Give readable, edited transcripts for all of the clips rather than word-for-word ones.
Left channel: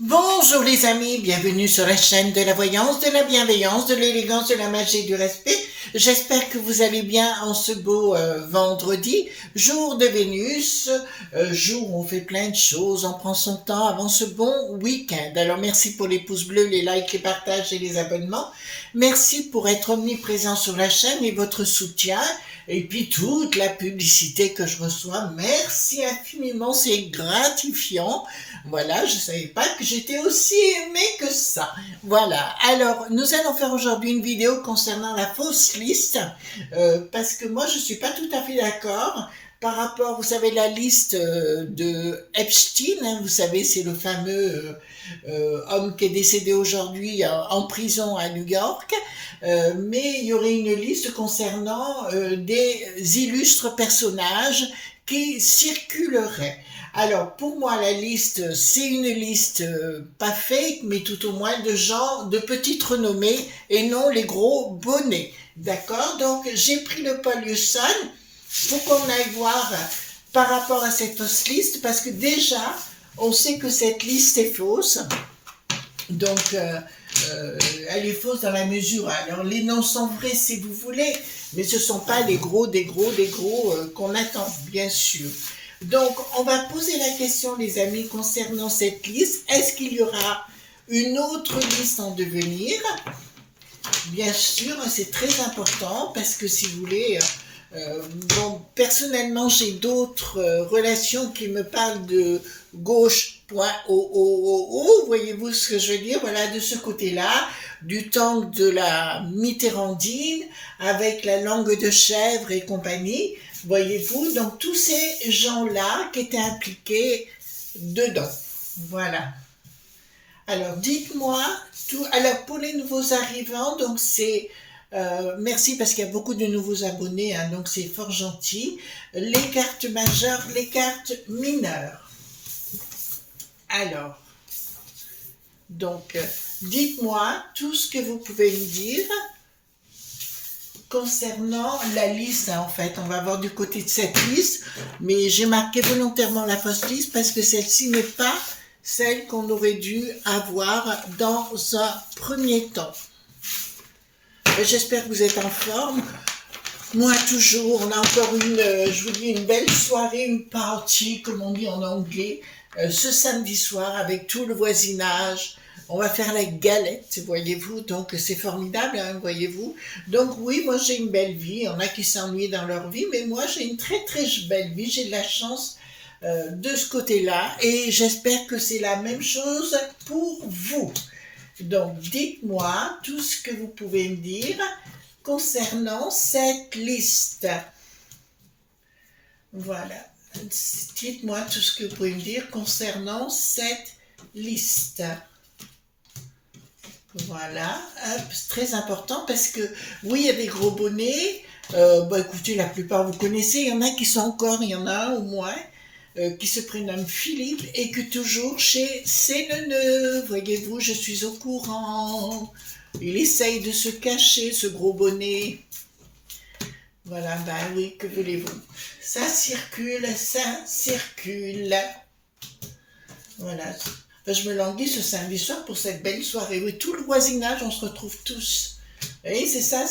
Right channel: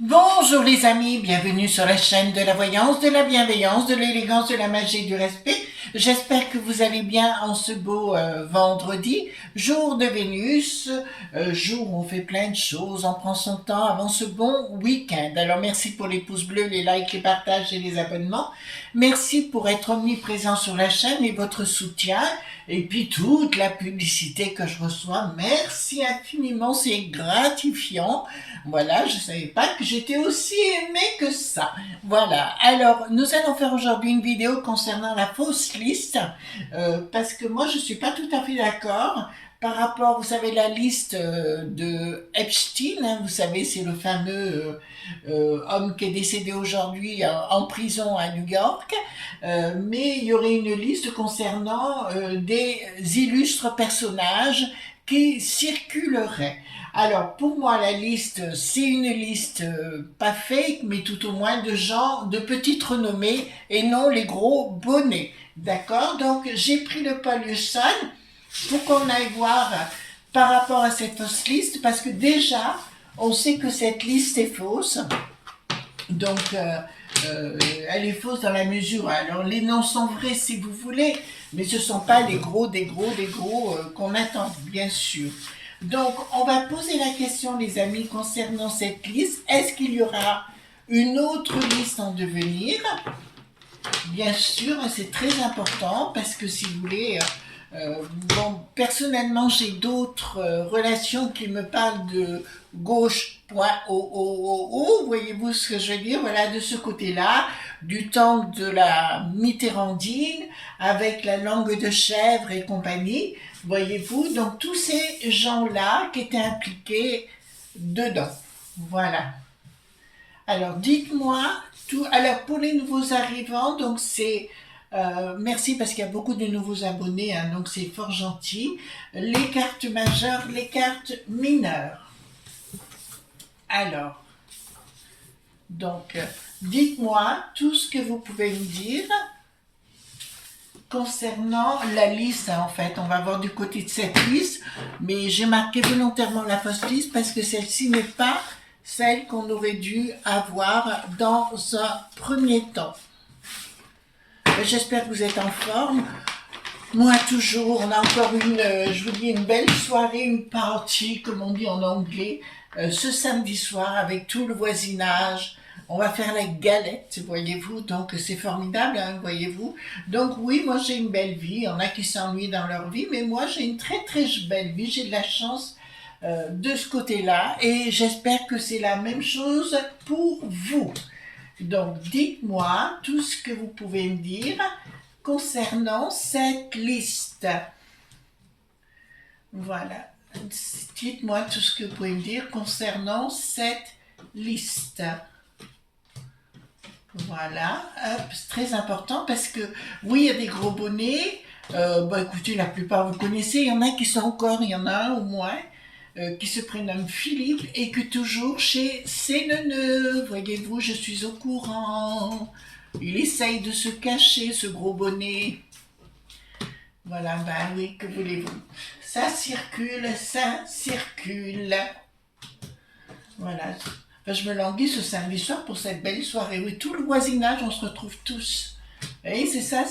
Bonjour les amis, bienvenue sur la chaîne de la voyance, de la bienveillance, de l'élégance, de la magie et du respect. J'espère que vous allez bien en ce beau vendredi, jour de Vénus, jour où on fait plein de choses, on prend son temps avant ce bon week-end. Alors merci pour les pouces bleus, les likes, les partages et les abonnements. Merci pour être omniprésent sur la chaîne et votre soutien. Et puis toute la publicité que je reçois, merci infiniment, c'est gratifiant. Voilà, je ne savais pas que j'étais aussi aimée que ça. Voilà, alors nous allons faire aujourd'hui une vidéo concernant la fausse liste, parce que moi je ne suis pas tout à fait d'accord par rapport, vous savez, la liste de Epstein, hein, vous savez, c'est le fameux homme qui est décédé aujourd'hui en prison à New York, mais il y aurait une liste concernant des illustres personnages qui circuleraient. Alors, pour moi, la liste, c'est une liste pas fake, mais tout au moins de gens de petite renommée et non les gros bonnets. D'accord? Donc, j'ai pris le Paul Hewson pour qu'on aille voir par rapport à cette fausse liste, parce que déjà, on sait que cette liste est fausse. Donc, elle est fausse dans la mesure. Alors, les noms sont vrais si vous voulez, mais ce ne sont pas des gros qu'on attend, bien sûr. Donc, on va poser la question, les amis, concernant cette liste. Est-ce qu'il y aura une autre liste en devenir? Bien sûr, c'est très important parce que si vous voulez, bon, personnellement, j'ai d'autres relations qui me parlent de gauche.ooo, voyez-vous ce que je veux dire? Voilà, de ce côté-là, du temps de la Mitterrandine, avec la langue de chèvre et compagnie, voyez-vous? Donc, tous ces gens-là qui étaient impliqués dedans. Voilà. Alors, dites-moi tout. Alors, pour les nouveaux arrivants, donc c'est merci parce qu'il y a beaucoup de nouveaux abonnés, hein, donc c'est fort gentil. Les cartes majeures, les cartes mineures. Alors, donc, dites-moi tout ce que vous pouvez me dire concernant la liste, hein, en fait. On va voir du côté de cette liste, mais j'ai marqué volontairement la fausse liste parce que celle-ci n'est pas celle qu'on aurait dû avoir dans un premier temps. J'espère que vous êtes en forme. Moi, toujours, on a encore je vous dis, une belle soirée, une party, comme on dit en anglais, ce samedi soir avec tout le voisinage. On va faire la galette, voyez-vous, donc c'est formidable, hein, voyez-vous. Donc oui, moi j'ai une belle vie, il y en a qui s'ennuient dans leur vie, mais moi j'ai une très très belle vie, j'ai de la chance de ce côté-là, et j'espère que c'est la même chose pour vous. Donc dites-moi tout ce que vous pouvez me dire concernant cette liste. Voilà. Dites-moi tout ce que vous pouvez me dire concernant cette liste. Voilà. C'est très important parce que, oui, il y a des gros bonnets. Bah, écoutez, la plupart vous connaissez. Il y en a qui sont encore, il y en a un au moins, qui se prénomme Philippe et que toujours chez Séneneux. Voyez-vous, je suis au courant. Il essaye de se cacher, ce gros bonnet. Voilà, ben oui, que voulez-vous? Ça circule, ça circule. Voilà. Ben, je me languis ce samedi soir pour cette belle soirée. Oui, tout le voisinage, on se retrouve tous. Vous voyez, c'est ça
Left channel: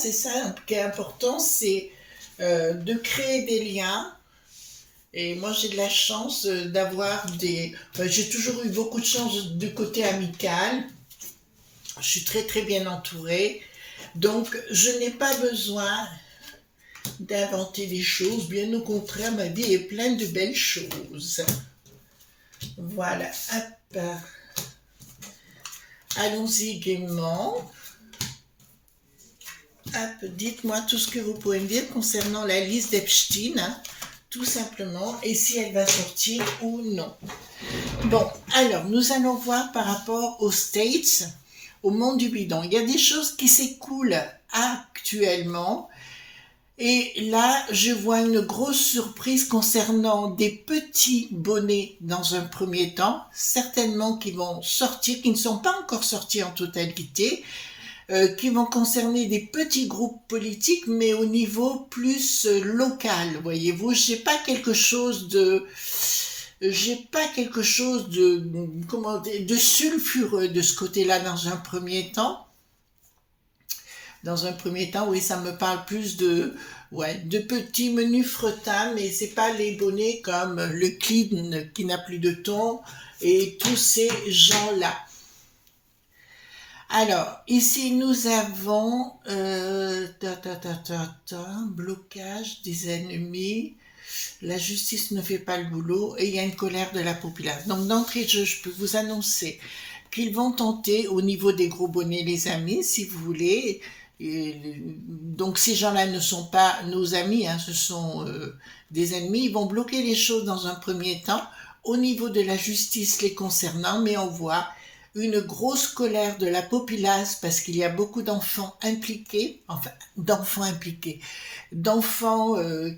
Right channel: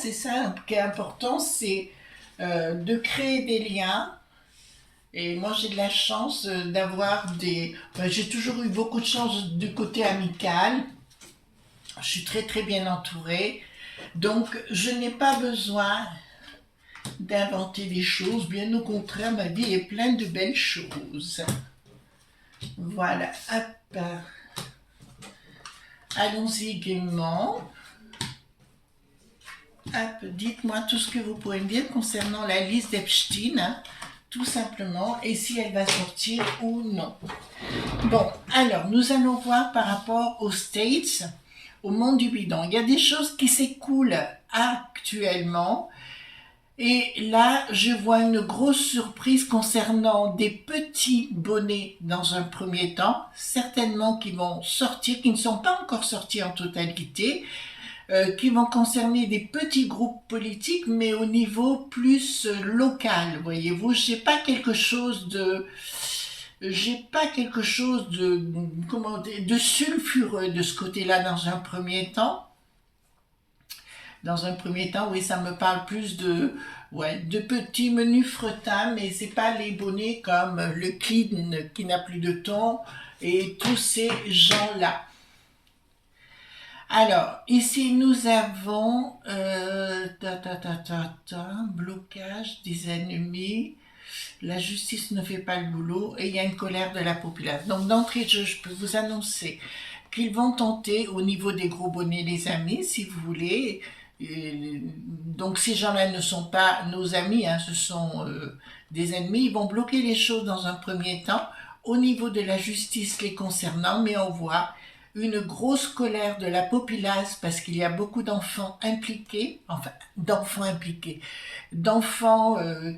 qui est important, c'est de créer des liens. Et moi, j'ai de la chance d'avoir des... j'ai toujours eu beaucoup de chance du côté amical. Je suis très très bien entourée. Donc, je n'ai pas besoin d'inventer des choses, bien au contraire, ma vie est pleine de belles choses. Voilà, hop. Allons-y gaiement. Hop, dites-moi tout ce que vous pouvez me dire concernant la liste d'Epstein, hein, tout simplement, et si elle va sortir ou non. Bon, alors, nous allons voir par rapport aux States, au monde du bidon. Il y a des choses qui s'écoulent actuellement. Et là, je vois une grosse surprise concernant des petits bonnets dans un premier temps, certainement qui vont sortir, qui ne sont pas encore sortis en totalité, qui vont concerner des petits groupes politiques, mais au niveau plus local, voyez-vous. Je n'ai pas quelque chose j'ai pas quelque chose de sulfureux de ce côté-là dans un premier temps. Dans un premier temps, oui, ça me parle plus de petits menus fretin, mais c'est pas les bonnets comme le Clean qui n'a plus de ton et tous ces gens-là. Alors, ici nous avons blocage des ennemis, la justice ne fait pas le boulot et il y a une colère de la population. Donc d'entrée de jeu, je peux vous annoncer qu'ils vont tenter au niveau des gros bonnets, les amis, si vous voulez. Donc ces gens-là ne sont pas nos amis, hein, ce sont des ennemis. Ils vont bloquer les choses dans un premier temps au niveau de la justice les concernant, mais on voit une grosse colère de la populace parce qu'il y a beaucoup d'enfants impliqués, d'enfants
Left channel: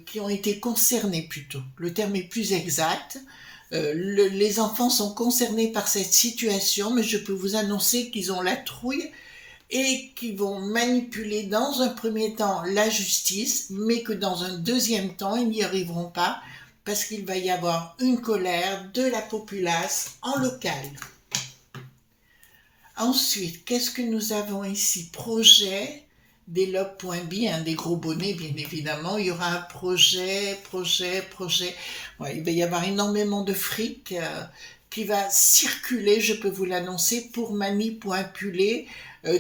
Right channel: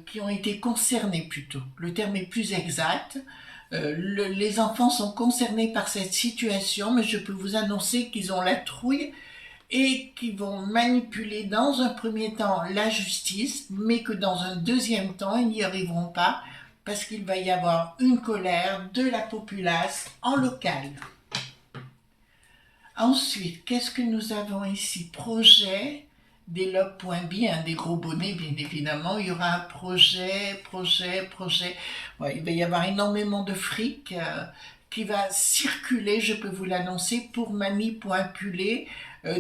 qui ont été concernés plutôt. Le terme est plus exact. Les enfants sont concernés par cette situation, mais je peux vous annoncer qu'ils ont la trouille et qu'ils vont manipuler dans un premier temps la justice, mais que dans un deuxième temps, ils n'y arriveront pas parce qu'il va y avoir une colère de la populace en local. Ensuite, qu'est-ce que nous avons ici? Projet, des lobes.bi, des gros bonnets, bien évidemment. Il y aura un projet. Ouais, il va y avoir énormément de fric qui va circuler, je peux vous l'annoncer, pour manipuler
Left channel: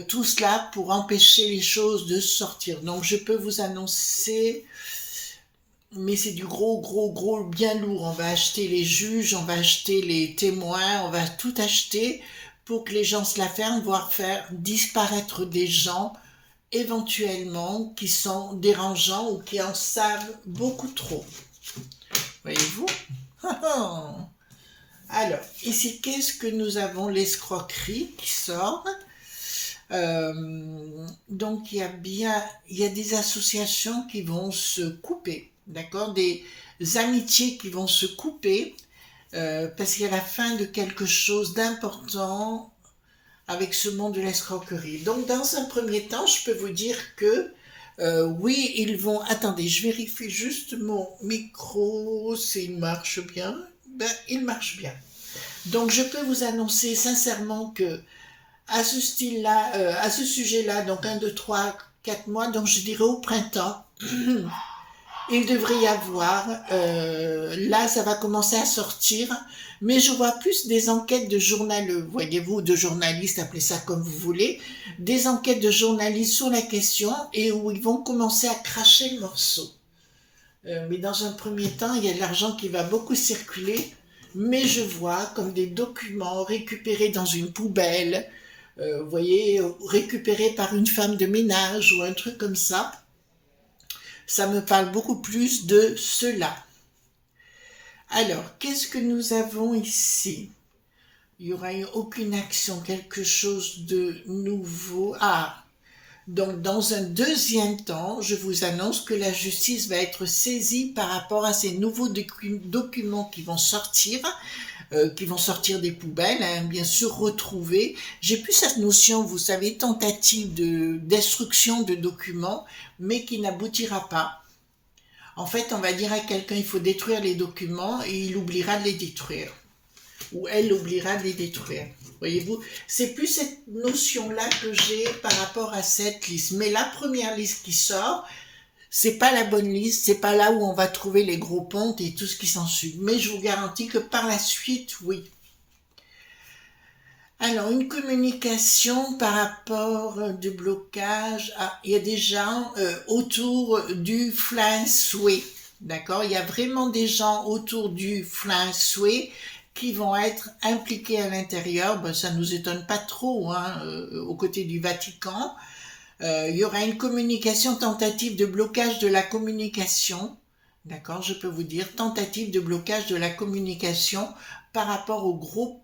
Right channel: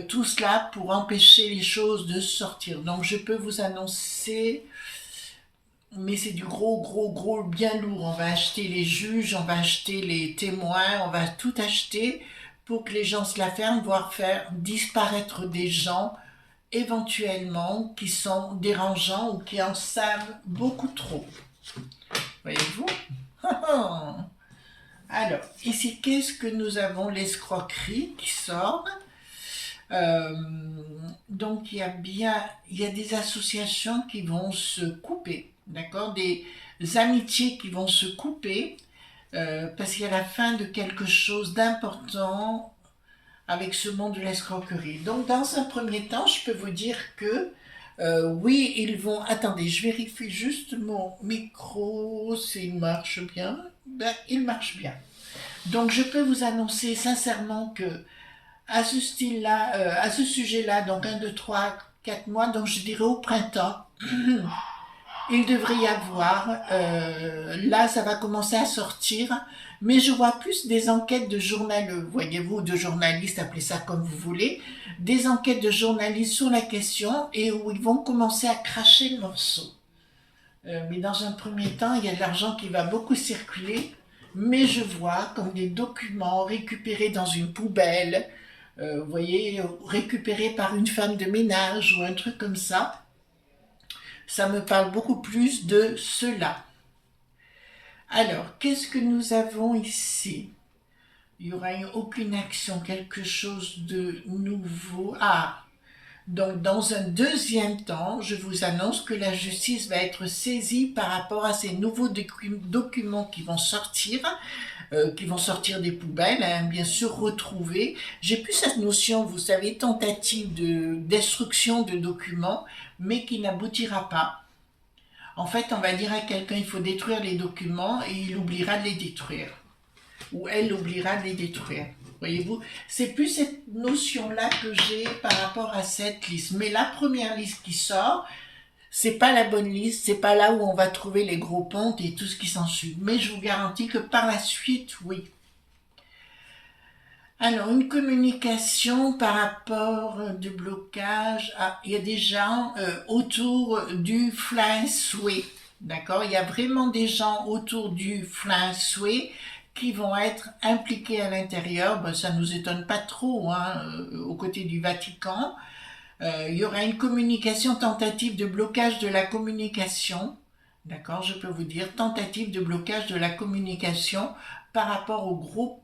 tout cela pour empêcher les choses de sortir. Donc, je peux vous annoncer, mais c'est du gros, bien lourd. On va acheter les juges, on va acheter les témoins, on va tout acheter pour que les gens se la ferment, voire faire disparaître des gens éventuellement qui sont dérangeants ou qui en savent beaucoup trop. Voyez-vous? Alors, ici, qu'est-ce que nous avons? L'escroquerie qui sort. Donc, il y a des associations qui vont se couper, d'accord? Des amitiés qui vont se couper parce qu'il y a la fin de quelque chose d'important avec ce monde de l'escroquerie. Donc, dans un premier temps, je peux vous dire que oui, ils vont... Attendez, je vérifie juste mon micro, s'il marche bien. Ben, il marche bien. Donc, je peux vous annoncer sincèrement que à ce style-là, à ce sujet-là, donc 1, 2, 3, 4 mois, donc je dirais au printemps, il devrait y avoir, là ça va commencer à sortir, mais je vois plus des enquêtes de voyez-vous, de journalistes, appelez ça comme vous voulez, des enquêtes de journalistes sur la question et où ils vont commencer à cracher le morceau. Mais dans un premier temps, il y a de l'argent qui va beaucoup circuler, mais je vois comme des documents récupérés dans une poubelle, vous voyez, récupérés par une femme de ménage ou un truc comme ça. Ça me parle beaucoup plus de cela. Alors, qu'est-ce que nous avons ici? Il n'y aura aucune action, quelque chose de nouveau. Donc dans un deuxième temps, je vous annonce que la justice va être saisie par rapport à ces nouveaux documents qui vont sortir des poubelles, bien sûr retrouvés. J'ai plus cette notion, vous savez, tentative destruction de documents, mais qui n'aboutira pas. En fait, on va dire à quelqu'un, il faut détruire les documents et il oubliera de les détruire. Ou elle oubliera de les détruire. Voyez-vous, c'est plus cette notion-là que j'ai par rapport à cette liste. Mais la première liste qui sort, c'est pas la bonne liste, c'est pas là où on va trouver les gros pontes et tout ce qui s'ensuit. Mais je vous garantis que par la suite, oui. Alors, une communication par rapport de blocage. Il y a des gens autour du Fly Sway. D'accord? Il y a vraiment des gens autour du Fly Sway qui vont être impliqués à l'intérieur. Ben, ça ne nous étonne pas trop, aux côtés du Vatican. Il y aura une communication, tentative de blocage de la communication. D'accord, je peux vous dire, tentative de blocage de la communication par rapport au gros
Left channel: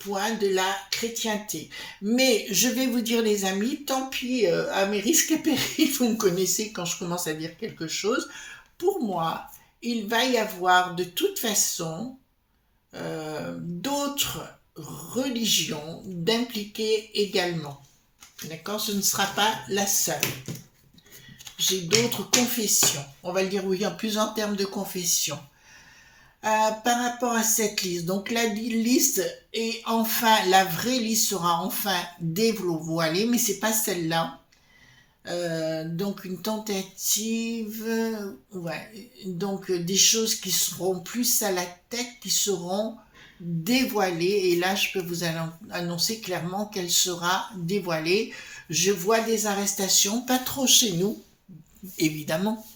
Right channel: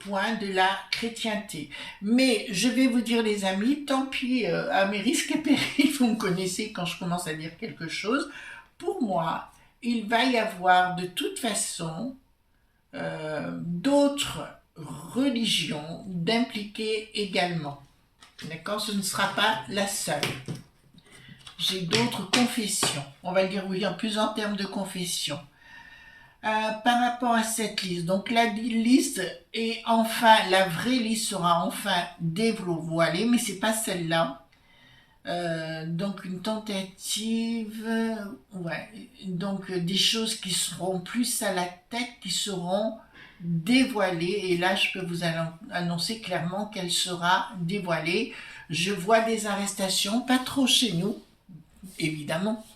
point de la chrétienté. Mais je vais vous dire, les amis, tant pis, à mes risques et périls, vous me connaissez quand je commence à dire quelque chose. Pour moi, il va y avoir de toute façon d'autres religions d'impliquer également. D'accord, ce ne sera pas la seule. J'ai d'autres confessions. On va le dire oui, plus en termes de confession. Par rapport à cette liste, donc la liste est enfin, la vraie liste sera enfin dévoilée, mais c'est pas celle-là. Donc une tentative, ouais, donc des choses qui seront plus à la tête, qui seront dévoilées, et là je peux vous annoncer clairement qu'elle sera dévoilée. Je vois des arrestations, pas trop chez nous, évidemment.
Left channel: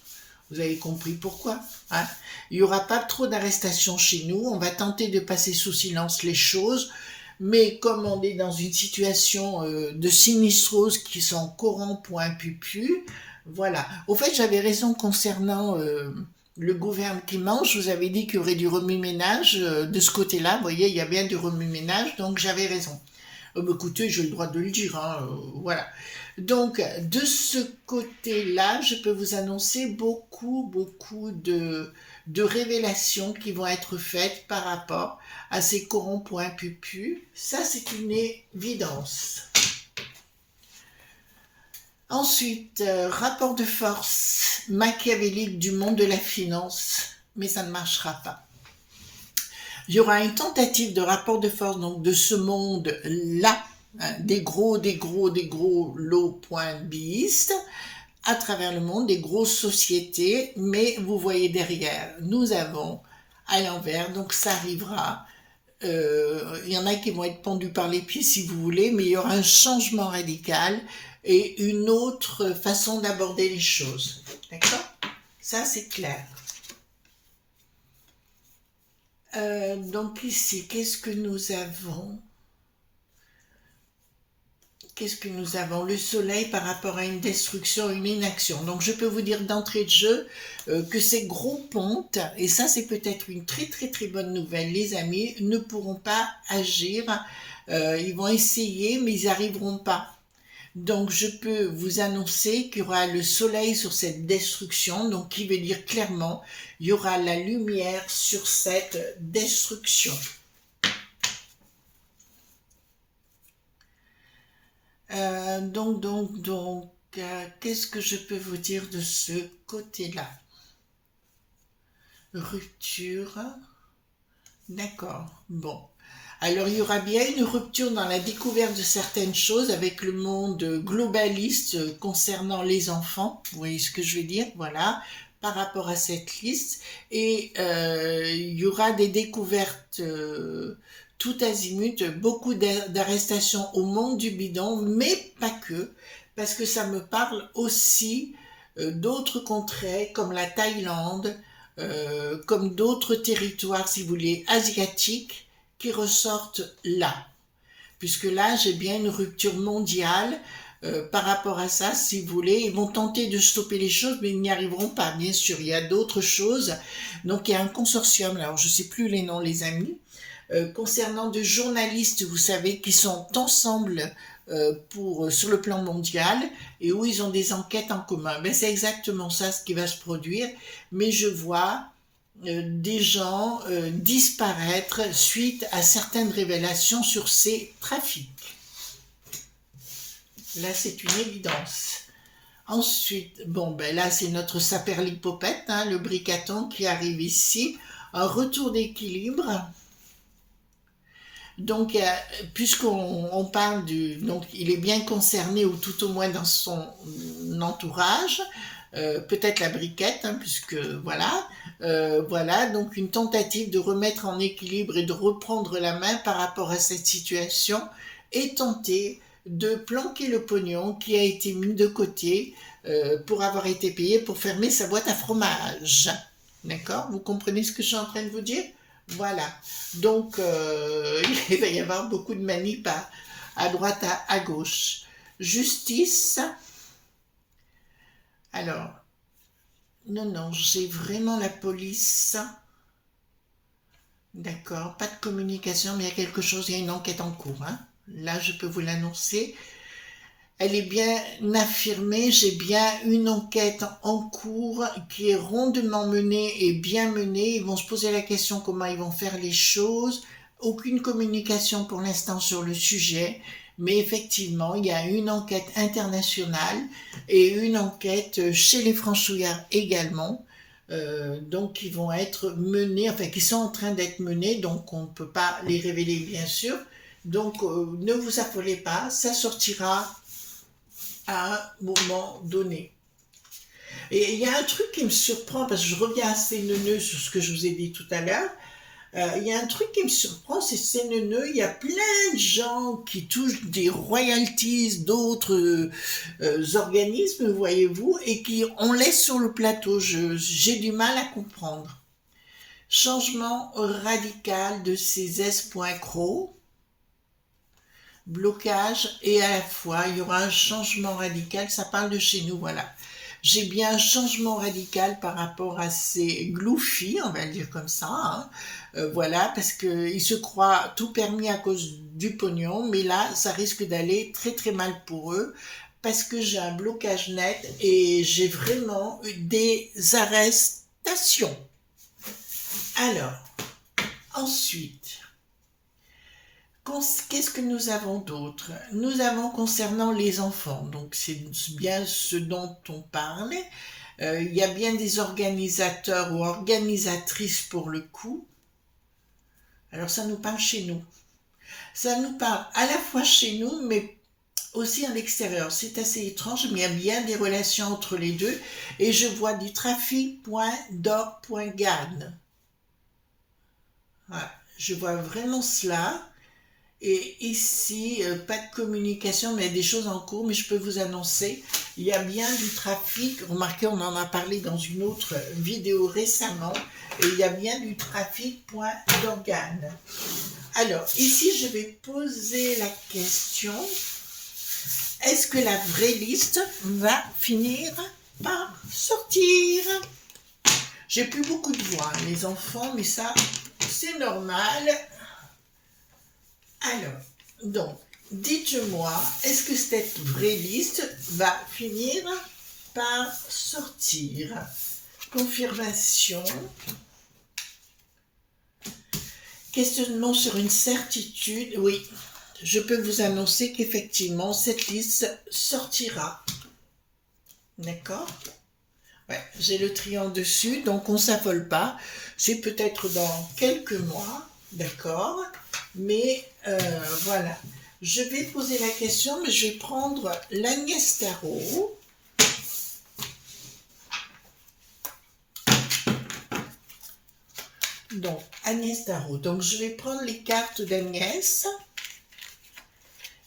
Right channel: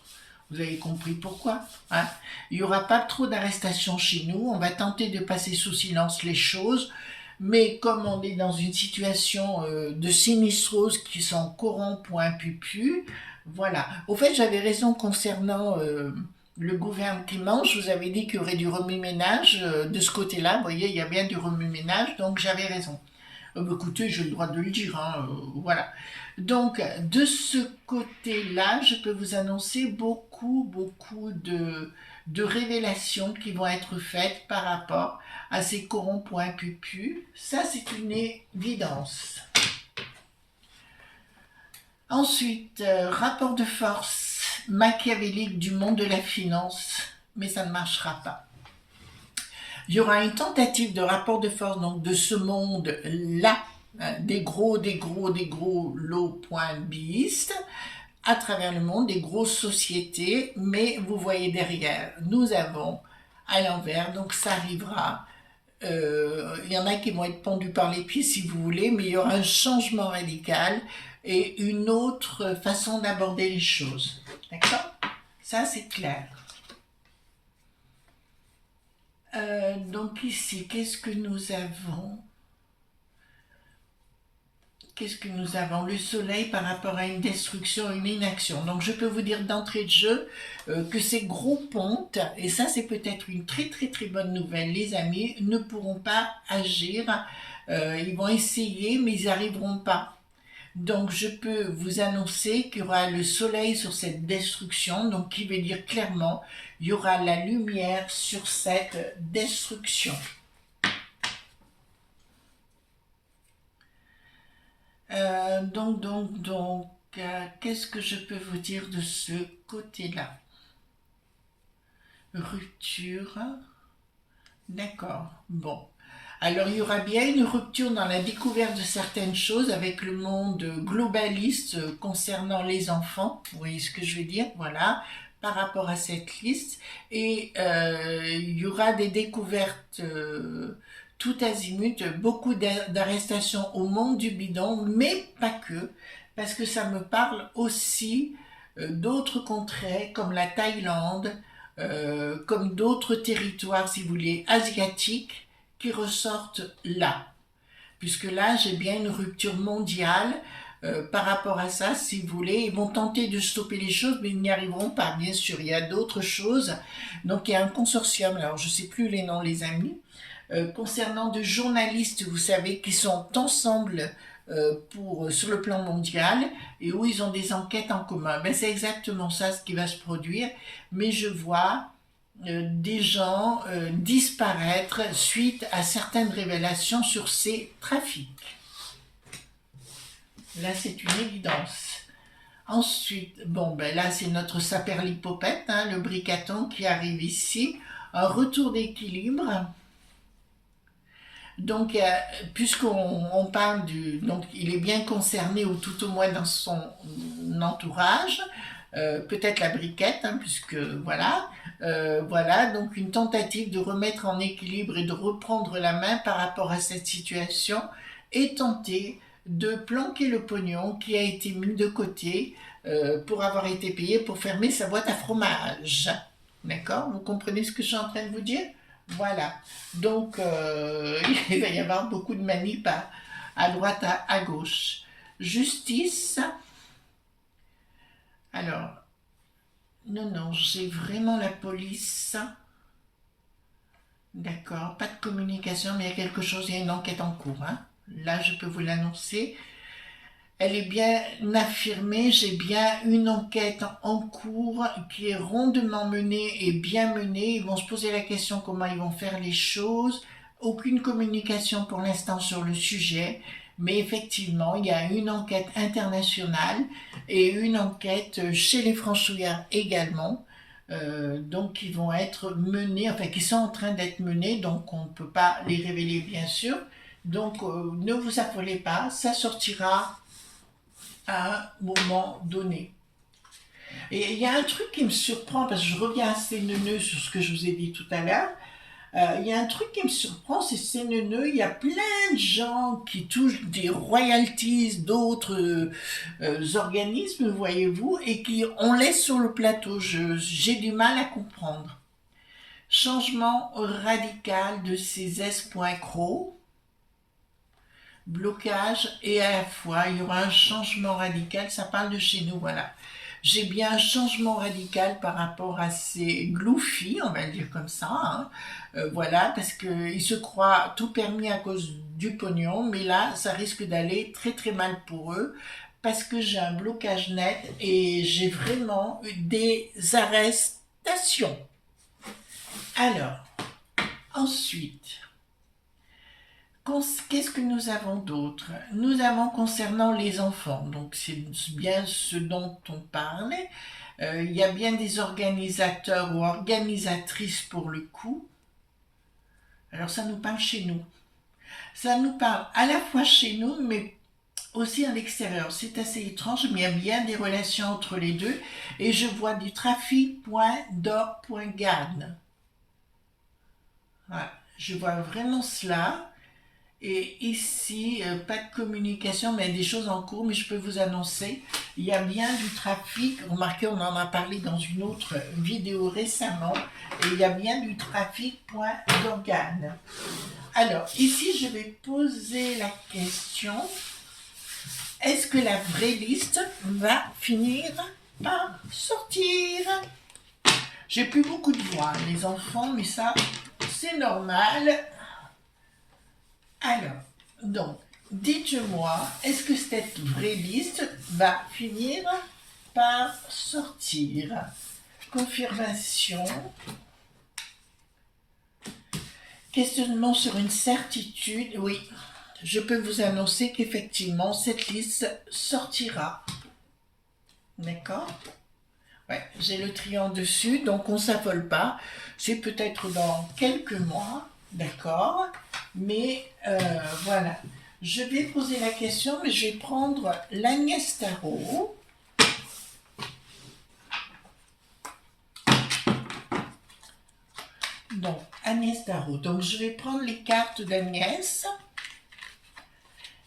Vous avez compris pourquoi, hein. Il n'y aura pas trop d'arrestations chez nous. On va tenter de passer sous silence les choses. Mais comme on est dans une situation de sinistrose qui sont courant point pupu, voilà. Au fait, j'avais raison concernant le gouvernement. Je vous avais dit qu'il y aurait du remue-ménage de ce côté-là. Vous voyez, il y a bien du remue-ménage, donc j'avais raison. Écoutez, j'ai le droit de le dire, hein, voilà. Donc, de ce côté-là, je peux vous annoncer beaucoup de révélations qui vont être faites par rapport à ces corons point pupu. Ça, c'est une évidence. Ensuite, rapport de force machiavélique du monde de la finance, mais ça ne marchera pas. Il y aura une tentative de rapport de force donc de ce monde-là, hein, des gros lots.bistes à travers le monde, des grosses sociétés, mais vous voyez derrière, nous avons à l'envers, donc ça arrivera. Il y en a qui vont être pendus par les pieds si vous voulez, mais il y aura un changement radical et une autre façon d'aborder les choses. D'accord? Ça, c'est clair. Donc ici, qu'est-ce que nous avons? Qu'est-ce que nous avons? Le soleil par rapport à une destruction, une inaction. Donc je peux vous dire d'entrée de jeu que ces gros pontes, et ça c'est peut-être une très bonne nouvelle, les amis, ne pourront pas agir. Ils vont essayer, mais ils n'y arriveront pas. Donc je peux vous annoncer qu'il y aura le soleil sur cette destruction, donc qui veut dire clairement, il y aura la lumière sur cette destruction. Qu'est-ce que je peux vous dire de ce côté-là? Rupture. D'accord, bon. Alors il y aura bien une rupture dans la découverte de certaines choses avec le monde globaliste concernant les enfants. Vous voyez ce que je veux dire? Voilà, par rapport à cette liste. Et il y aura des découvertes tout azimut, beaucoup d'arrestations au monde du bidon, mais pas que, parce que ça me parle aussi d'autres contrées comme la Thaïlande, comme d'autres territoires, si vous voulez, asiatiques, qui ressortent là. Puisque là, j'ai bien une rupture mondiale par rapport à ça, si vous voulez. Ils vont tenter de stopper les choses, mais ils n'y arriveront pas, bien sûr. Il y a d'autres choses. Donc, il y a un consortium, alors je ne sais plus les noms, les amis, concernant de journalistes, vous savez, qui sont ensemble sur le plan mondial et où ils ont des enquêtes en commun. Ben, c'est exactement ça ce qui va se produire, mais je vois des gens disparaître suite à certaines révélations sur ces trafics. Là, c'est une évidence. Ensuite, bon, ben là, c'est notre saperlipopette, hein, le bricaton qui arrive ici. Un retour d'équilibre. Donc, puisqu'on parle donc il est bien concerné, ou tout au moins dans son entourage, peut-être la briquette, hein, puisque voilà, donc une tentative de remettre en équilibre et de reprendre la main par rapport à cette situation et tenter de planquer le pognon qui a été mis de côté pour avoir été payé pour fermer sa boîte à fromage. D'accord? Vous comprenez ce que je suis en train de vous dire? Voilà. Donc, il va y avoir beaucoup de manips à droite, à gauche. Justice. Alors, non, j'ai vraiment la police. D'accord, pas de communication, mais il y a quelque chose, il y a une enquête en cours, hein. Là, je peux vous l'annoncer. Elle est bien affirmée, j'ai bien une enquête en cours qui est rondement menée et bien menée. Ils vont se poser la question comment ils vont faire les choses. Aucune communication pour l'instant sur le sujet, mais effectivement, il y a une enquête internationale et une enquête chez les franchouillards également donc qui vont être menés, enfin qui sont en train d'être menés, donc on ne peut pas les révéler bien sûr. Donc ne vous affolez pas, ça sortira à un moment donné. Et il y a un truc qui me surprend, parce que je reviens assez neuneux sur ce que je vous ai dit tout à l'heure. Il y a un truc qui me surprend, c'est ces neuneux, il y a plein de gens qui touchent des royalties d'autres organismes, voyez-vous, et qui on laisse sur le plateau. J'ai du mal à comprendre. Changement radical de ces S.cro, blocage, et à la fois, il y aura un changement radical, ça parle de chez nous, voilà. J'ai bien un changement radical par rapport à ces gloufis, on va dire comme ça, hein. Voilà, parce qu'ils se croient tout permis à cause du pognon, mais là, ça risque d'aller très très mal pour eux, parce que j'ai un blocage net et j'ai vraiment eu des arrestations. Alors, ensuite, qu'est-ce que nous avons d'autre? Nous avons concernant les enfants, donc c'est bien ce dont on parle. Il y a bien des organisateurs ou organisatrices pour le coup. Alors ça nous parle chez nous. Ça nous parle à la fois chez nous, mais aussi à l'extérieur. C'est assez étrange, mais il y a bien des relations entre les deux. Et je vois du trafic.d'or.gad. Voilà. Je vois vraiment cela. Et ici, pas de communication, mais des choses en cours, mais je peux vous annoncer, il y a bien du trafic. Remarquez, on en a parlé dans une autre vidéo récemment, et il y a bien du trafic.d'organes. Alors, ici, je vais poser la question, est-ce que la vraie liste va finir par sortir? J'ai plus beaucoup de voix, les enfants, mais ça, c'est normal. Alors, donc, dites-moi, est-ce que cette vraie liste va finir par sortir? Confirmation. Questionnement sur une certitude. Oui, je peux vous annoncer qu'effectivement, cette liste sortira. D'accord? Ouais, j'ai le triangle dessus, donc on ne s'affole pas. C'est peut-être dans quelques mois, d'accord? Mais voilà. Je vais poser la question, mais je vais prendre l'Agnès Tarot. Donc, Agnès Tarot. Donc, je vais prendre les cartes d'Agnès.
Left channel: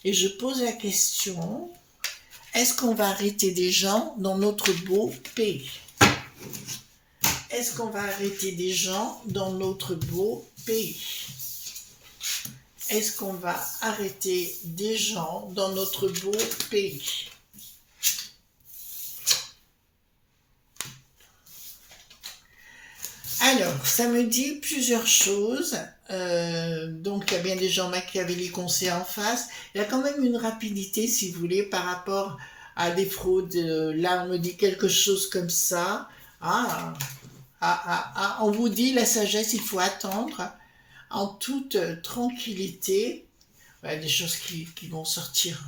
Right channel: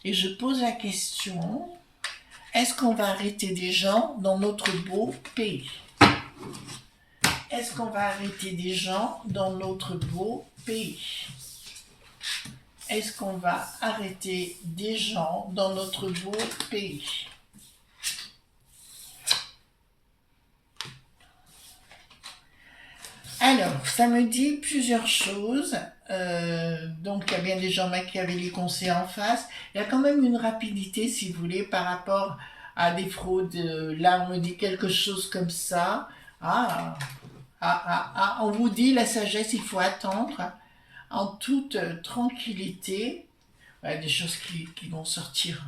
Et je pose la question, est-ce qu'on va arrêter des gens dans notre beau pays? Est-ce qu'on va arrêter des gens dans notre beau pays? Est-ce qu'on va arrêter des gens dans notre beau pays? Alors, ça me dit plusieurs choses. Donc, il y a bien des gens machiavéliques qu'on sait en face. Il y a quand même une rapidité, si vous voulez, par rapport à des fraudes. Là, on me dit quelque chose comme ça. On vous dit la sagesse, il faut attendre en toute tranquillité. Ouais, des choses qui vont sortir.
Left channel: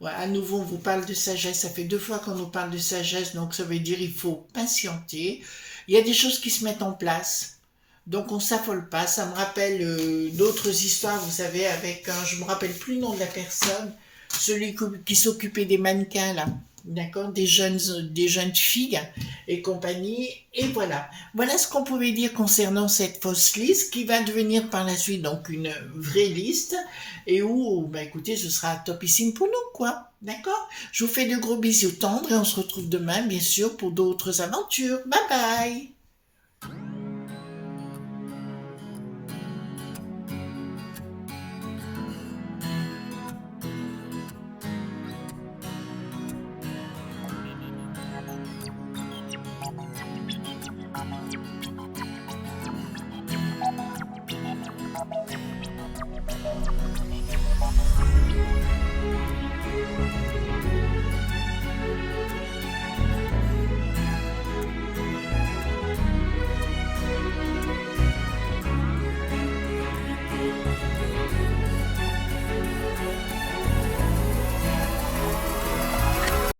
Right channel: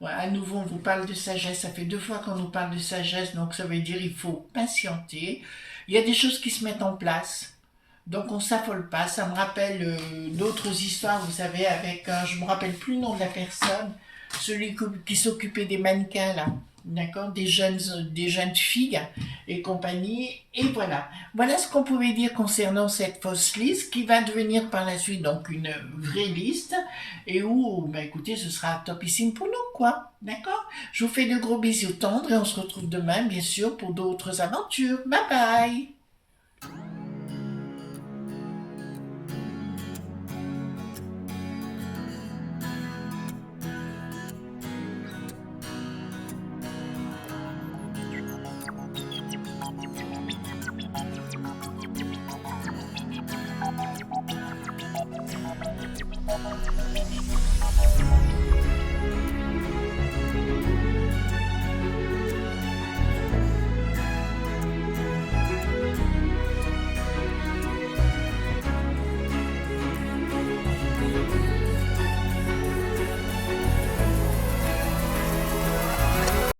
Ouais, à nouveau, on vous parle de sagesse. Ça fait 2 fois qu'on nous parle de sagesse, donc ça veut dire il faut patienter. Il y a des choses qui se mettent en place, donc on ne s'affole pas. Ça me rappelle d'autres histoires, vous savez, avec je ne me rappelle plus le nom de la personne, celui qui s'occupait des mannequins là, d'accord, des jeunes filles et compagnie. Et voilà. Voilà ce qu'on pouvait dire concernant cette fausse liste qui va devenir par la suite donc une vraie liste et où, bah écoutez, ce sera topissime pour nous, quoi. D'accord? Je vous fais de gros bisous tendres et on se retrouve demain, bien sûr, pour d'autres aventures. Bye bye!